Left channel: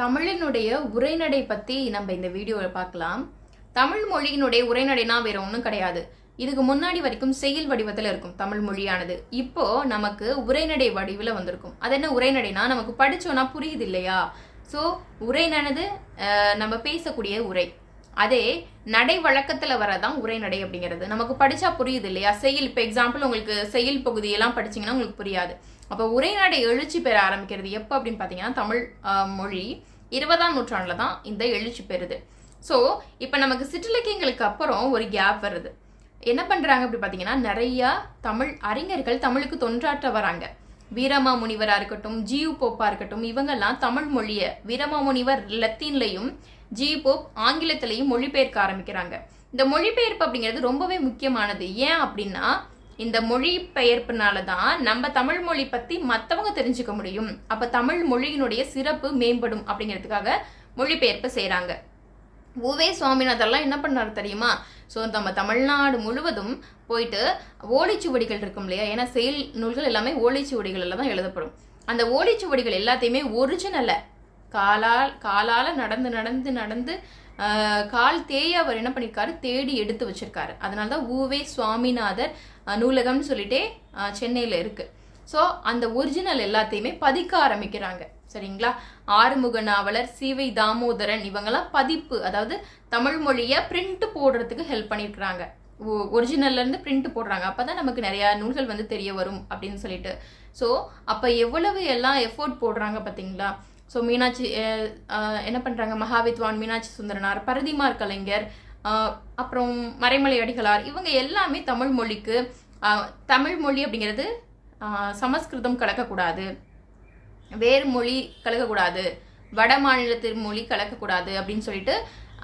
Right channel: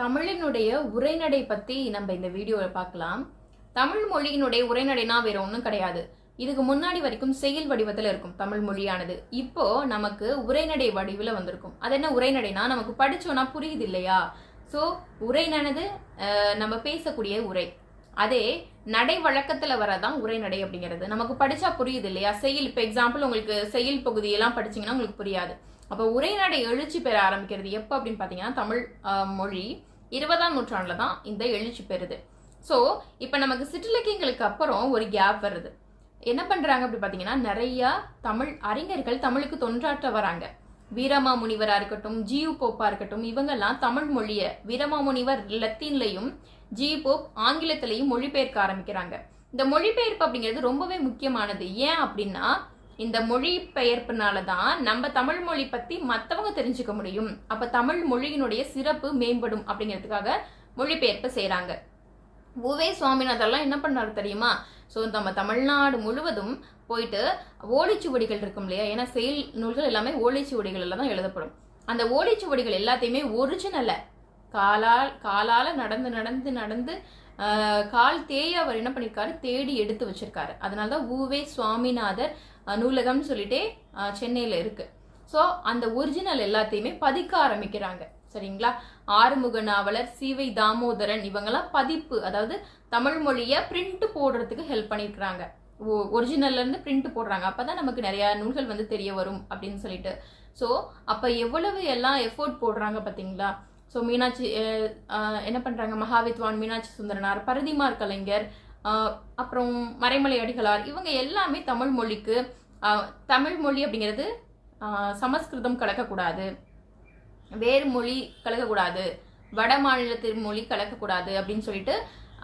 தமிழினுடைய உரைநடை பத்தி நம்ம இந்த வீடியோவில் பார்க்கலாம். தமிழ் மொழியினுடைய உரைநடைனா வேற ஒன்றும் கிடையாது. இதுக்கு முன்னாடி வரைக்கும் செயல் வடிவத்தில் இருக்கும் தமிழ் மொழியானது. இப்போ நமக்கு உரைநடை வடிவில் வந்திருக்கும். அது என்ன உரைநடைனா, நமக்கு படிச்சோன்னா புரியுது இல்லையா? ஸோ உரைநடை நம்ம பேசக்கூடிய உரை. அதே நடை வழக்கத்தில் வரதான் உரைநடை அப்படிங்கிறது. நமக்கு படிச்சா புரியுது இல்லையா? செயல், இப்போ எக்ஸாம்பிள் உங்களுக்கு செயல் பகுதியெல்லாம் படிச்சிங்கன்னா உங்களுக்கு புரியாது. அப்போ உரைநடை எழுச்சி பெற ஆரம்பிக்கிறது எப்போ அப்படின்னு பார்த்தீங்கன்னா, தமிழ் மொழி 20ஆம் நூற்றாண்டில் தான் இந்த எழுச்சி பெறுது. ஸோ இப்போ நமக்கு சிற்றிலக்கியங்களுக்கு அப்புறம் ஒரு கேப் வருது. என்ன பண்ணுறாங்க அப்படி பார்த்தீங்கன்னா, நிறையா தமிழ் அறிஞர்கள் தமிழுக்கு தொன்றாற்ற வராங்க. வீரமாமுனிவராக இருக்கட்டும், ஜியு போப்பா இருக்கட்டும், இவங்கெல்லாம் தமிழ் மொழியை வீரமாமுனிவர் லத்தீன்லையும் ஜியு போப் ஆங்கிலத்திலையும் மொழிபெயர்க்க ஆரம்பிக்கிறாங்க. இந்த மொழிபெயர்ப்பு அப்படிங்கிறது ரொம்பவே முக்கியமானது. ஏன் அப்படின்னா, இந்த மொழிபெயர்ப்புனால தான் நம்ம தமிழ் மொழி பற்றி மற்றவங்க தெரிஞ்சுக்க முடியும். அப்போ தமிழ் மொழியினுடைய சிறப்பு மேம்படும் அப்படிங்கிறதுக்காக மொழிபெயர்ப்பு செய்கிறாங்க. உவே சுவாமிநாதர்லாம் என்ன பண்ணாரு தெரியுமா? ஸோ நம்ம தமிழ்நாடு முழுவதும் போயிட்டு ஓலைச்சுவடிகள் இருக்கும் இல்லையா? ஏன்னா செயல் நூல்கள் எல்லாமே ஓலைச்சுவடிகளில் தான் எழுதப்படும். அந்த ஓலைச்சுவடிகள் எல்லாத்தையுமே ஒரிஜினலை காலால் நடந்து கால் தேய அவர் என்ன பண்ணியிருக்காரு, தேடி எடுத்து வச்சிருக்காரு. அதனால தான் உவே சுவாமிநாதர் நூலகம்னு சொல்லிட்டே சென்னையில் இருக்கு. ஸோ அந்த ஒரிஜினல் எல்லாத்தையுமே பதிக்க ஆரம்பிக்கிறாங்க. சரிங்களா? ஆறுமுக நாவலர், சிவை தாமோதரன் இவங்கெல்லாம் பதிப்பு, அதாவது தமிழ் மொழியை பிரிண்ட் போடுறதுக்கு ஹெல்ப் பண்ணியிருக்கிறாங்க. ஒரிஜினல்ல இருந்து பிரிண்ட் போடுறாங்க. அப்பதான் நமக்கு நிறைய நூல்கள் வந்து தெரிய வரும் அப்படின்னு சொல்லிட்டு. ஸோ அப்போ எவ்வளவு எல்லாம் எஃபோர்ட் போடுறாங்க பார்த்தீங்களா? ஸோ மீனாட்சி என்ன பண்ணுறாங்க, மகாவித்வான் மீனாட்சி சுந்தரனார், பரதிமார் கலைஞர், அப்புறம் மறைமலை அடிகளார், இவங்க எல்லாமே தமிழ் மொழிக்கு, தமிழ் மொழி அப்படிங்கிறது சமஸ்கிருதம் கலக்கக்கூடாது, வேறு மொழி கலக்கக்கூடாது, வட மாநிலத்தின் மொழி கலக்கக்கூடாது அப்படின்னு சொல்லிட்டு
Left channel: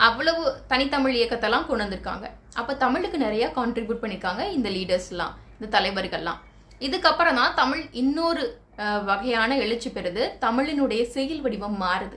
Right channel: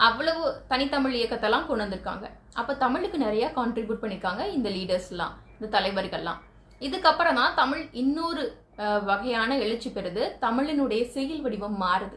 அவ்வளவு தனித்தமிழ் இயக்கத்தெல்லாம் கொண்டு வந்திருக்காங்க. அப்போ தமிழுக்கு நிறைய கான்ட்ரிபியூட் பண்ணியிருக்காங்க இந்த லீடர்ஸ்லாம், இந்த தலைவர்கள்லாம். இதுக்கப்புறம் தான் தமிழ் இன்னொரு வகையான எழுச்சி பெறுது. தமிழினுடைய செயல் வடிவம் மாறுது.